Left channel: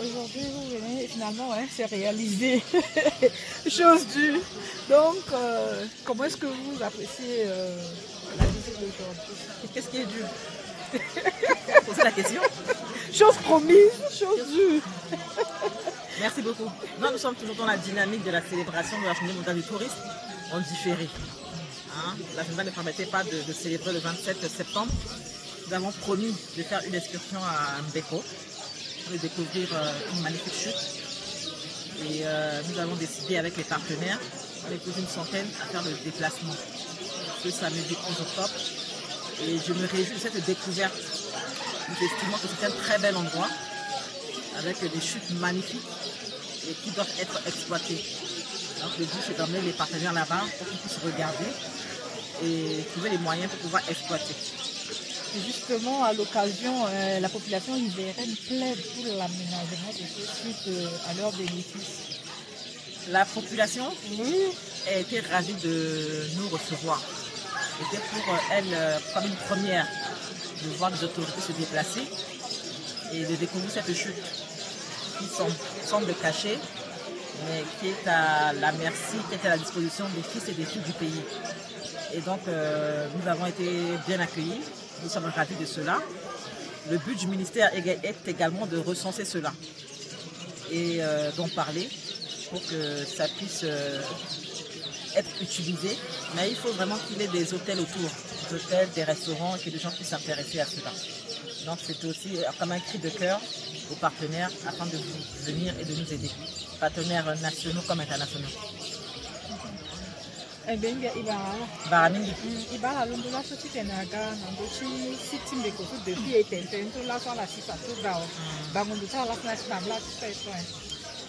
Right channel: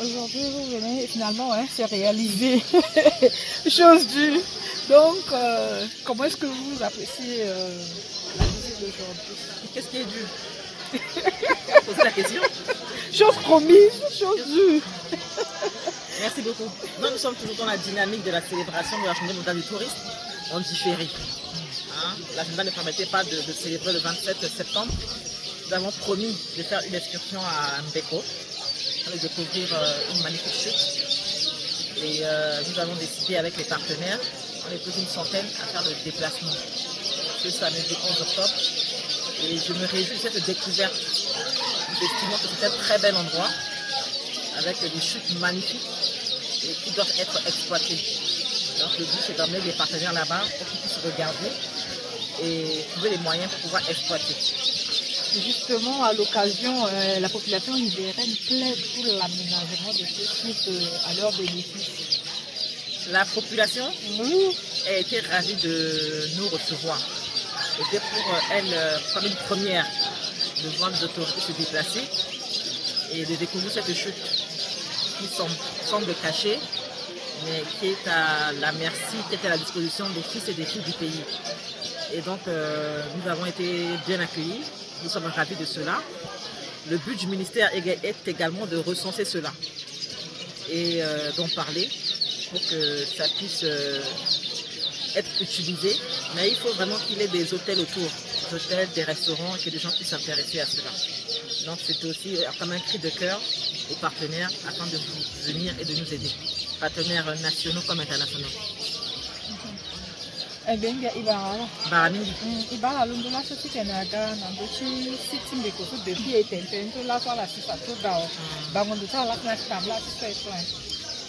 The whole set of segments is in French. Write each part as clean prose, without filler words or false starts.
Aujourd'hui, vous venez finalement, hein, c'est réalisé. Chose due. Donc, comment est-ce que vous appréciez la visite d'aujourd'hui? Qu'est-ce qui est dû? Posez la question. Chose promise, chose due. Merci beaucoup. Non, nous sommes toujours dans la dynamique de la célébration de la Journée mondiale du tourisme en différé. Hein? L'agenda ne permettait pas de célébrer le 27 septembre. Nous avons promis de faire une excursion à Mbeko, de découvrir une magnifique chute. Et nous avons décidé avec les partenaires, on est plus d'une centaine, à faire le déplacement ce samedi 11 octobre. Et je me réjouis de cette découverte. Nous estimons que c'est un très bel endroit, avec des chutes magnifiques et qui doivent être exploitées. Donc le but c'est d'emmener les partenaires là-bas pour qu'ils puissent regarder et trouver les moyens pour pouvoir exploiter. Justement, à l'occasion, la population libérienne plaide pour l'aménagement de ce site à leur bénéfice. La population Oui. a été ravie de nous recevoir. C'était pour elle comme une première de voir les autorités se déplacer et de découvrir cette chute qui semble cachée, mais qui est à la merci, qui est à la disposition des fils et des filles du pays. Et donc, nous avons été bien accueillis. Nous sommes ravis de cela. Le but du ministère est également de recenser cela et d'en parler pour que ça puisse être utilisé. Mais il faut vraiment qu'il y ait des hôtels autour, des hôtels, des restaurants, et que les gens puissent s'intéresser à cela. Donc c'est aussi comme un cri de cœur aux partenaires afin de venir et de nous aider, partenaires nationaux comme internationaux. Baramingi. Iba alondola soti tenaga nandochi sitim de kofu depuis etenten to la la sisa to dao. Bangondo ta la classe pamla to so.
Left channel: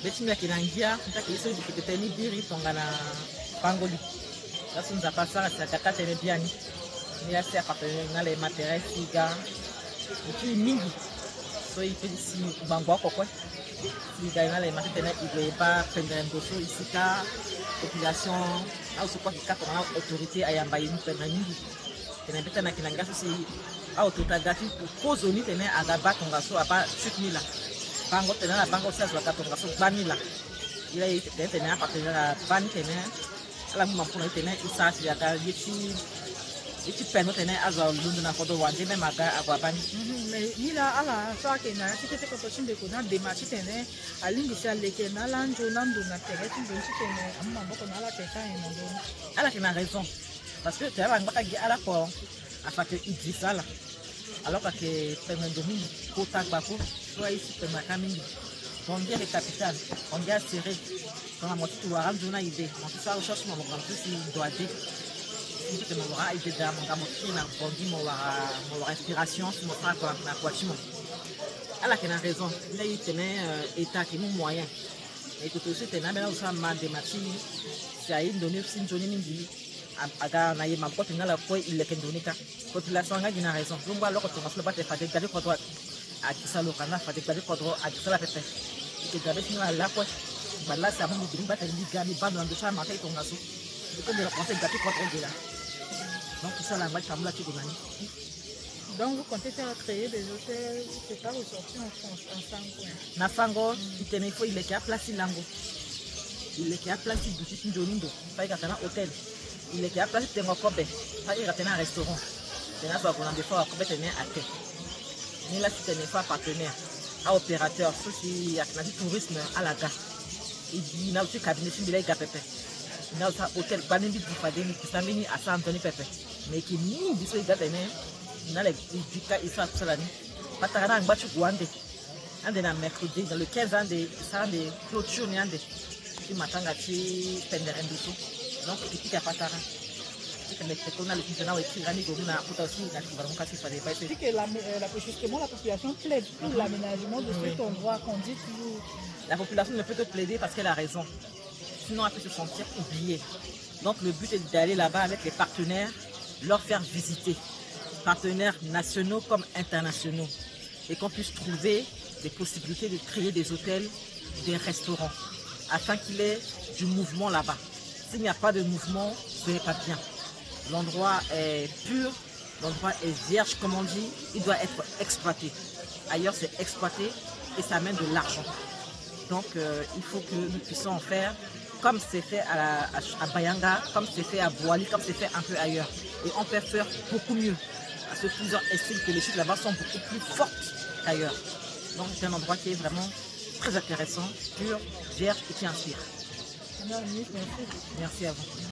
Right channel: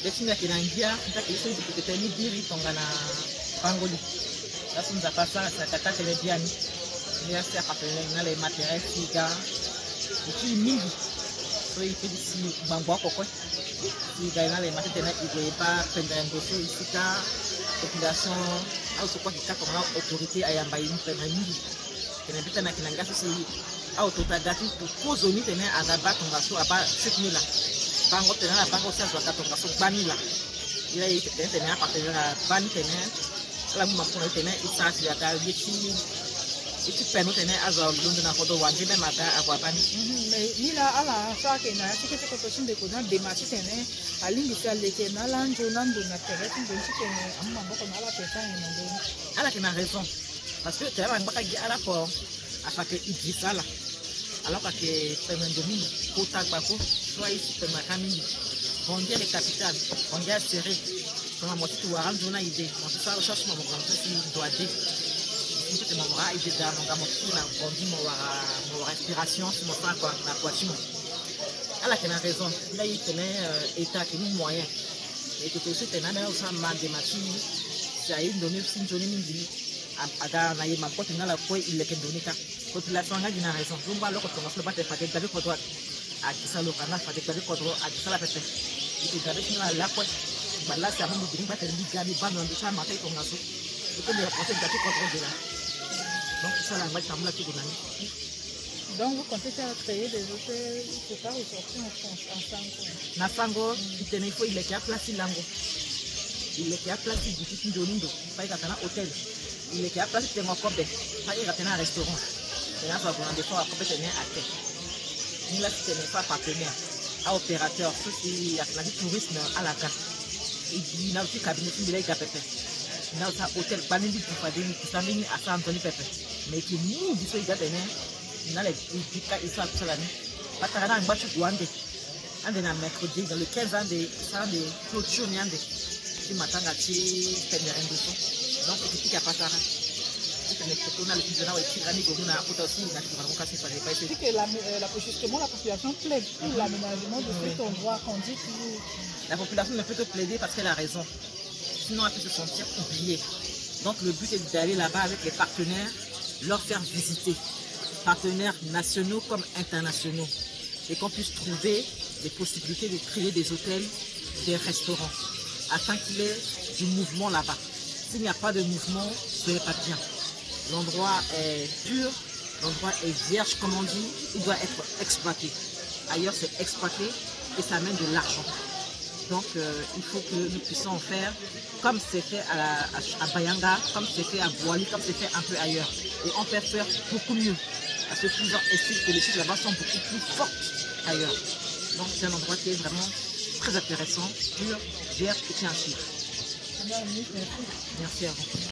Betinga kinangia ntakiliso dikitepeni biri tongana pangoli. Sasa nzapasa sakata telebiani. Ni asi appartenir na les matériels siga. Ipi mingi. So ipi si bangwa kokwe. Siga na les matériels igoyeba pendendo so isika population au sokwa kikata na autorité ayamba yini pemangi kena beta na kinanga so si au totagati ko zoni tene agaba tonga so aba chutnila bango tene na bango sa zwa katonga so banila ila yite tene appartenir à ban tene ala mu mampona tene isa si aka yiti peno tene azwa lundu na kodo wanje me maga agwa bani mais ni la ala sa ke na tikete ko to sinde ko na demati tene alindi sa leke na lanjo nando na tere tu donti tene amma boko na ala peta ina ndo ala kina raison parce que tu as ngaka gi ala ko afake idisala alors que pemendo mingi ko tagba ko soit ici pemaka mingi on dirait capitale on dirait serré quand moi tu vois ranjo na idée on ça recherche mon grand si doit dé peut-être mon aura idée da mon gamo na bondi mon aura inspiration sur mon sang quoi na quatimo ala kina raison là il tenait état qui mon moyen et tout aussi tenait mais là ça m'a démati ça il donné aussi une journée mingi aga na yema ko tinala ko il est donné ta population nga dina raison donc alors que on va pas te faire des ko droit a kisa lo kana fa des ko droit a kisa la pepe il te gabe tinala la ko bala ça mon bring ba te liga mi ba no ndo cha ma kai tonga so ko me penser gati ko droit là donc ça la va tamla tout donné. Donc vous comptez faire créer des hôtels c'est pas ressorti en France en Sango na Sango il faut il est à place lango il est à place du petit donindo pas il a hôtel il est à place tengo kobe pas il a un restaurant et là va qu'on des fois kobe tenir à terre ni là tenir pas partenaire à opérateur ceux qui a du tourisme à la gare il dit na aussi cabinet qui il pepe na ça hôtel banindi pour faire des samini à San Antonio pepe mais qui ni dit so il a tenir na les pika isa salani patara ngbachu gwande ande na mercredi dans le 15 ans de ça de clôture ni ande qui matanga ti penderendo so donc qui a patara on a le plus de écrit Rani Gomuna pour aussi na vraiment casser ça pas c'est que justement la population plaide pour l'aménagement de cet endroit qu'on dit que la population ne peut que plaider parce qu'elle a raison sinon elle peut se sentir oubliée donc le but est d'aller là-bas avec les partenaires leur faire visiter partenaires nationaux comme internationaux et qu'on puisse trouver des possibilités de créer des hôtels, des restaurants afin qu'il y ait du mouvement là-bas. S'il n'y a pas de mouvement, ce n'est pas bien. L'endroit est pur, l'endroit est vierge comme on dit, il doit être exploité. Ailleurs c'est exploité, et ça amène de l'argent. Donc il faut que nous puissions en faire comme c'est fait à Bayanga, comme c'est fait à Boali, comme c'est fait un peu ailleurs. Et on peut faire beaucoup mieux. Parce que plusieurs estiment que les filles là-bas sont beaucoup plus fortes qu'ailleurs. Donc c'est un endroit qui est vraiment très intéressant, pur, vierge et qui inspire. Merci. Merci à vous.